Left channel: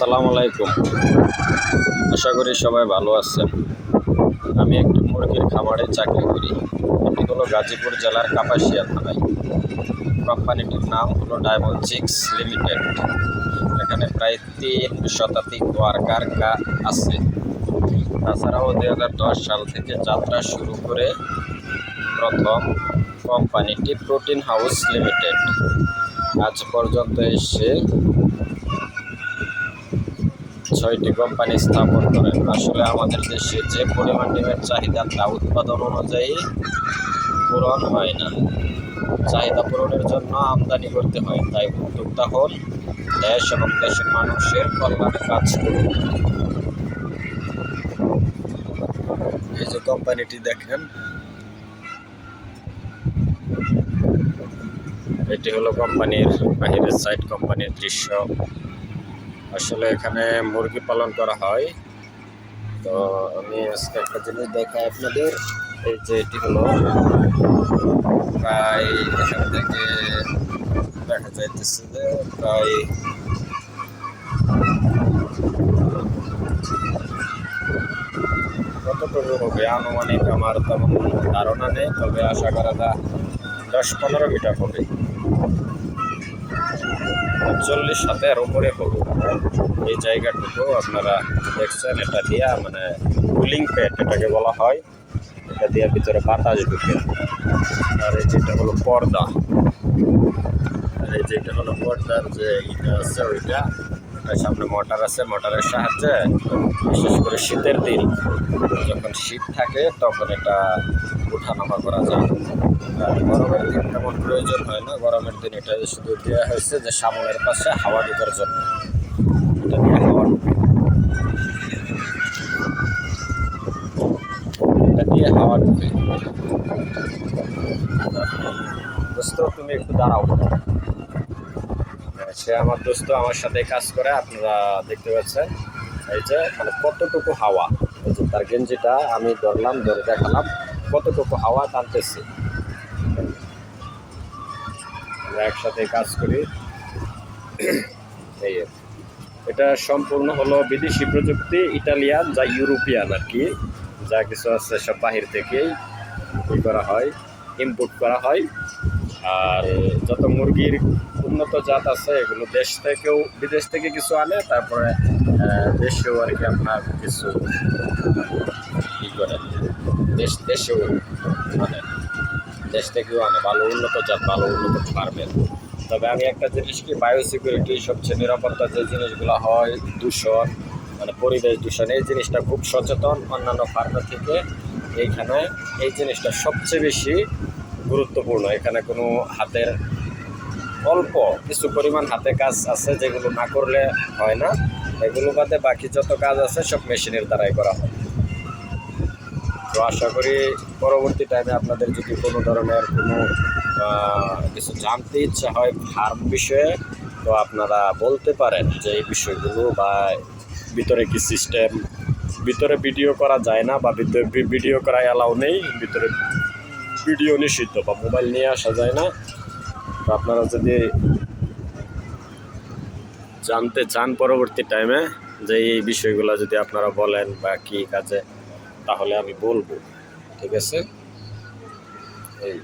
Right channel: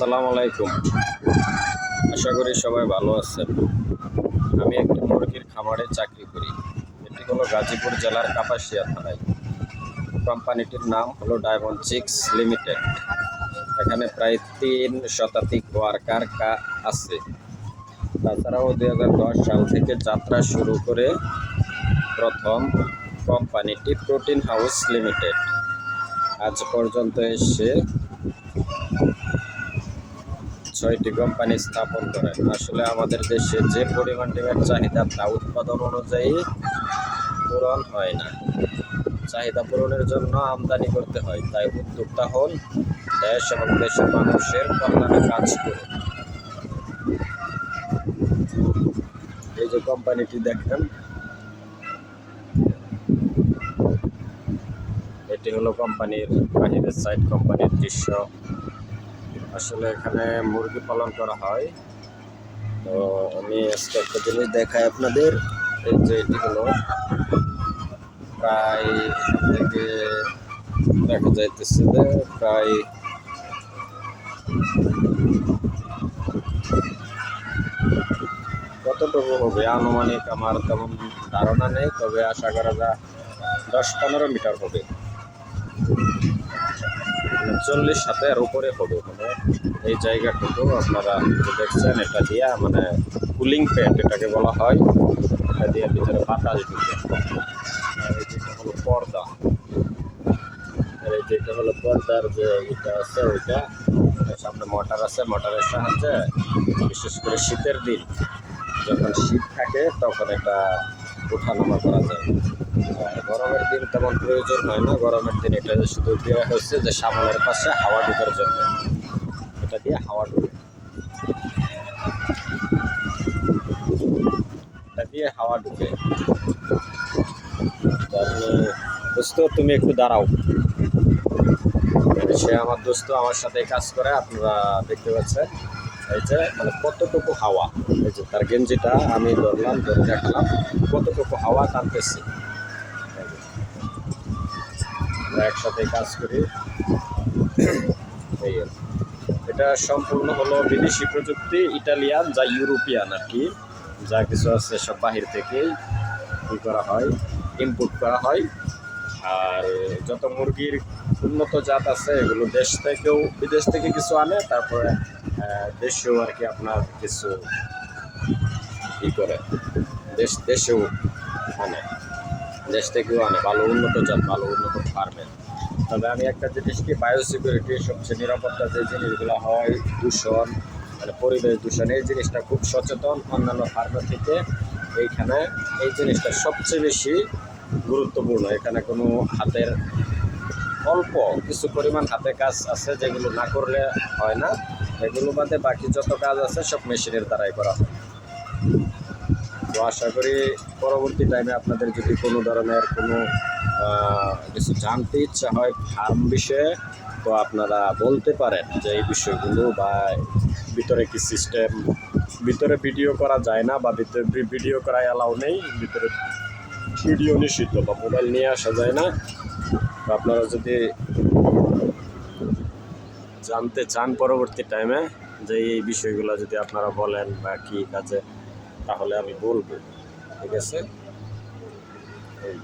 আসসালামু আলাইকুম। আশা করি সবাই ভালো আছেন। আমি একটি মুরগির খামারে চাকরি করি। এটি হলো গাজীপুর জেলার কাপাসিয়া থানায়। কোম্পানিটির নাম হলো ডায়মন্ড চিক্স লিমিটেড। এখানে প্রায় 3 শতাধিক ওয়ার্কার আছে। তাছাড়াও 2010 সাল থেকে যাত্রা শুরু করে প্রথম কোম্পানিটি প্রোটিন হাউস লিমিটেড আজ পর্যন্ত এসে 6টি কোম্পানি স্থাপন করেন। আসলে আমাদের দেশে যে পরিমাণ ডিমের চাহিদা তা উৎপাদন অনুযায়ী পূরণ হয় না। চাহিদা পূরণের জন্য আমদানি করতে হয়। তাই উদ্যোক্তা হন, দেশ এবং দেশের মানুষের কল্যাণে কাজ করুন। এই যে কোম্পানিটি দেখেন, এটি হলো কোম্পানির বাহিরের সাইড, কোম্পানির দৃশ্য। আসলে এখানে মুরগি পালন করা হয়। তো আমি আজকে একটা জিনিস দেখাই আপনাদের। এই যে এটি হলো প্রায় এখান থেকে দেখা যাইতেছে যে প্রায় কতটুকু হবে আনুমানিক আমার তেমন ধারণা নেই, তবে আশা করা যায় 10-15 মিটার হবে, 40 হাতের উপরে হবে। এই জায়গাটুকু আপনারা দেখছেন, এটা দিয়া মানে কুলিং প্যাড এটাকে বলা হয়, এটা দিয়ে ভিতরে বাতাস ঢুকে। আর এই যেটা হলো পর্দা, আর এই যেটা হলো পর্দার যে এটা আছে ওইটা, এটার সামনে মোটর আছে। মোটরের সাহায্যে বিশেষ করে শীতের দিন, যখন শীত থাকে তখন এটা ওঠানামা করা যায়। আর গরমের দিন তেমন প্রয়োজন হয় না। গরমের দিন এটা শুধু দেওয়া হয়েছে যে সামনের পাশে হাওয়া ঢোকার জন্য, এটা দিয়ে হাওয়া ঢুকে, এটা দিয়ে হাওয়া ঢুকে। আপনি দোস্ত, তুমি একটু দাঁড়াও। সে আমার দোস্ত আমার সাথে কাজ করে, আপনারা দেখতে পাচ্ছেন। এই যে মানে কতটুকু হাওয়া, এই যে তার গেঞ্জিটা আমি ধরলাম, ধরে দেখালাম কতটুকু হাওয়া টানতেছে। আমরা একসাথে কাজ করি। এই এটা সম্পূর্ণ হলো বিদেশি প্রযুক্তি, ইটালিয়ান যা ইউরোপিয়ান আর কি, যা কিছু আছে সব বাহির থেকেই করা হয়, ইম্পোর্ট করা হয়। আর যত মুরগির উন্নত জাত আছে এগুলো দেশ থেকেও, বিদেশ থেকে কিছু আনে, তারপরে দেশেও আর কি আপনার কিছু করে, দেশেও আনে, দেশ থেকেও আনে ভালো উন্নত জাত, ভালো উন্নত ফার্মের। তবে আমি একটা জিনিস কি, বায়োসিকিউরিটি সবচেয়ে নিরাপত্তা যে জিনিসগুলো হয়, দূষণ মানে পরিবেশ দূষণ, এই জিনিসটা খুব সচেতন অন্যান্য ফার্মের থেকে। এইখানে এই জিনিসটা সবচেয়ে বেশি গুরুত্বপূর্ণ। এখানে কোনো হাতের, অল্প কিছু পরিমাণ হাতে কাজ আছে যেগুলো না করলে হয় না। এগুলো বাদে বাকি যত কাজ আছে সব মেশিনের দ্বারাই করা হয়। তো আশা করি পরবর্তী টাইমে আপনাদের যদি কোনো ধরনের কোনো কিছু জানতে ইচ্ছা হয় ফার্ম বিষয়ে, তো আপনারা বলতে পারেন যে এই বিষয়গুলো, বা ভিতরে কি সিস্টেম, ভিতরে ভিডিও করা যায় না, বা ভিডিও করা অ্যালাউ নেই, ভিতরে ভিডিও নিষিদ্ধ, বা মোবাইল নিয়ে আসা যায় না। তো আপনারা যদি জানতে চান পরবর্তী টাইমে যে এই বিষয়গুলো যদি আপনারা বলেন বা কি কাজে, তাহলে আমি বলবো। ঠিক আছে? এই